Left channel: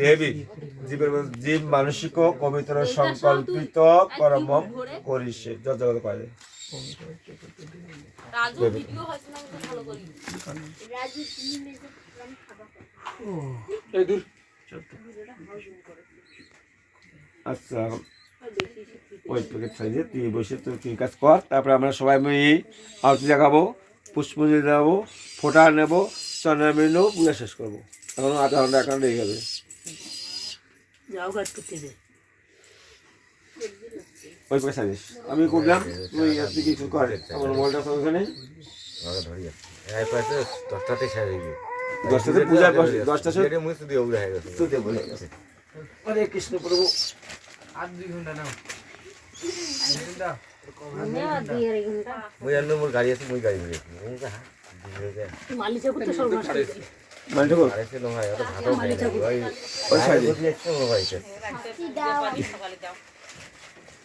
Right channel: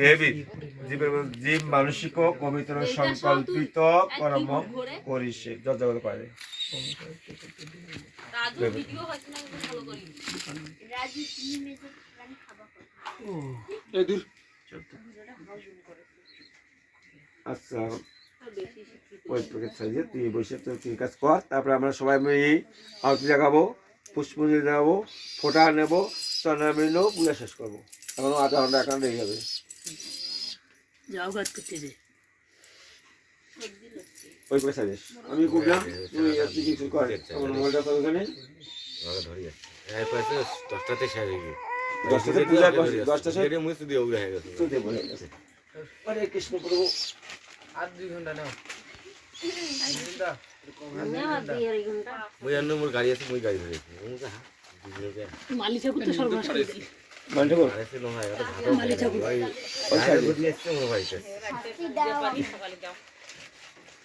দেবী জীবের জীব মানসিক পবিত্র সংকল্পিত কর্ম করিছে যজ্ঞ করে আচ্ছা ওই প্যাকেট খাইয়ে তুই বসে তুই কাজ কর তারপরে আমরা সবাই মিলে আরতি দেখাবো পুষ্পাঞ্জলি দেখাবো ফোঁটা নেবো চন্দ্রা মিললেও পূজা শেষ করবো এখন আধা ঘন্টা 1 ঘন্টা লেগে যাবে যাও কাজ করতে দে ওই পয়সা দিস আমি করলাম তুই আপনি কিছু করে আমার মোবাইলটা তো ওখানে ধরিয়া এই পাশে 10টাতে শেষ হয়ে গেছে 10টাতে পূজা 10টা থেকে মুছ দিয়ে উড়ে গেছে তুই দে বলে গেছে আরে কৃষ্ণ প্রভু আর 2 ঘন্টা নাও মই অন্য মোর গাড়ি আছে মই গাড়ি নিয়ে মালিকের তো সর্বনাশ করে দিল মালটো আরেছে নো ভাই ওটা ভালো ভাই ওই সাইড দিয়ে আসছে মোর ভাইতে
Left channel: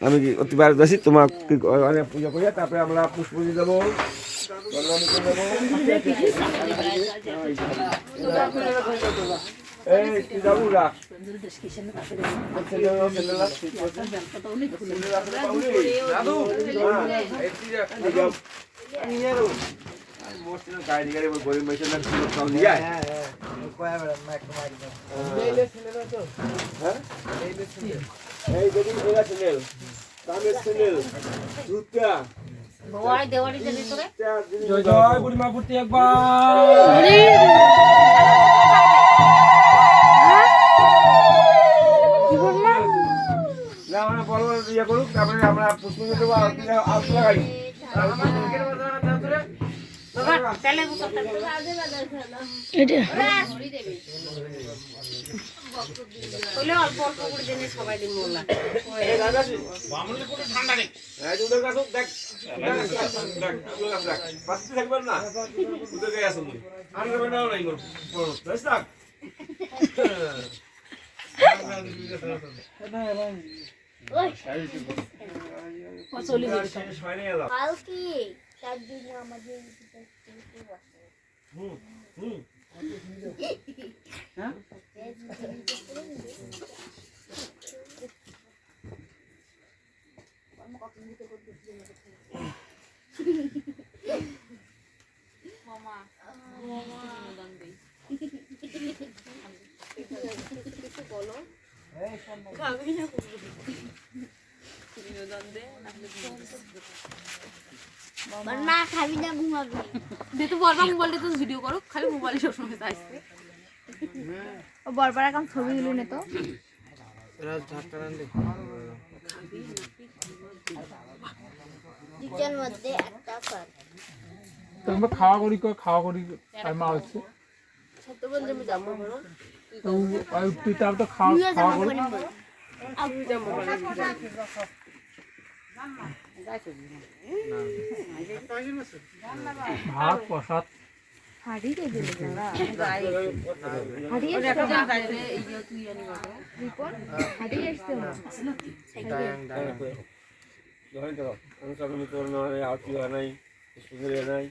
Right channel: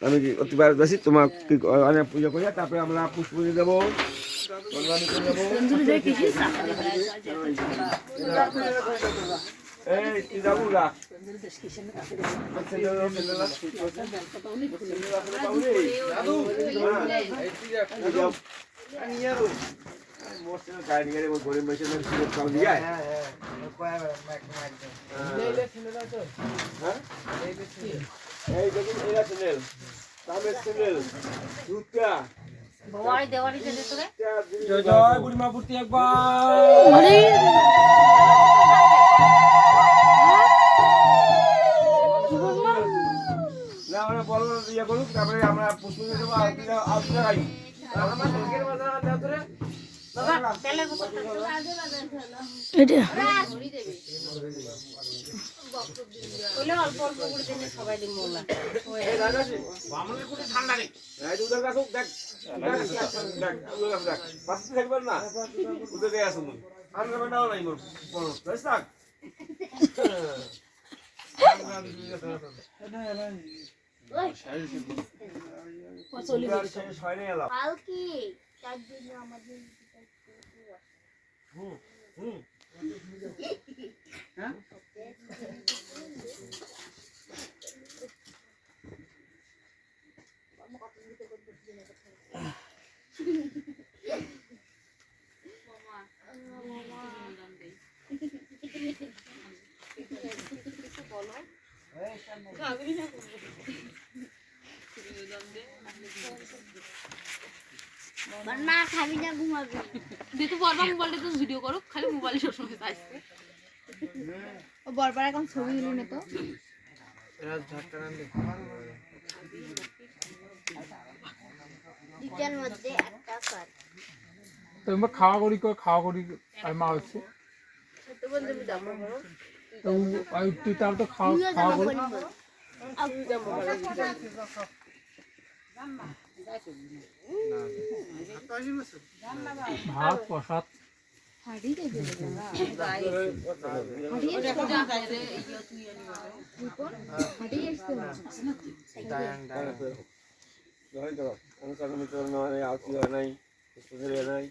আমি কি অতিবার যাচ্ছি তোমার পূজা করিয়া তারপরে আমরা পুষ্পাঞ্জলি দেবো এই কি যাবো রাখ গরিব মেশিনের এই দেখুন এরা চ্যানেল তামের চ্যানেল দুটা ভয় দেওয়ালি দেবে তোরে জয় জয় বুড়ি মা ফুটি একবার না আমরা বড় ইয়ে করুক তারপরে আমরা পুষ্পাঞ্জলি দেবো আরতি লাগাই বাবা তাহলে এটা কইলে অল্প অল্প করে দেনে সবাই দিন মোল্লা বামনের কোটা ঠান্ডা নেই এই দুধের কাছে দেখ দেখ দেখ পাঁচটি থাকবেন না উদে গায়ে আসুন আর রবে নাও নাই মোর বড় তাই থাক চলি ছয়নে এলো কালকে তার জন্য আমাদের হুম হুম হ্যাঁ না খাবি না ঘুমাবি দিতে বলবা মোবাইলটা তো ভিডিও করো খালি মোবাইল সব সময় আসছে ও বরবার এখন ছবি গুলো নে তো এরা ঝাটকা রান্দি দুটার মধ্যে একটা কর তোমরা খাওয়া করি আর মা হচ্ছে সত্য বলতে আমি দাম করো তুই তার তো খাওয়া করি ভাত প্রসাদ হাড়ি রে দিলে না হাড়ি রিপন হাড়ি আসছে না জয় তো অনুসরণ তো না আউট নাই পুষ্পাঞ্জলি নাই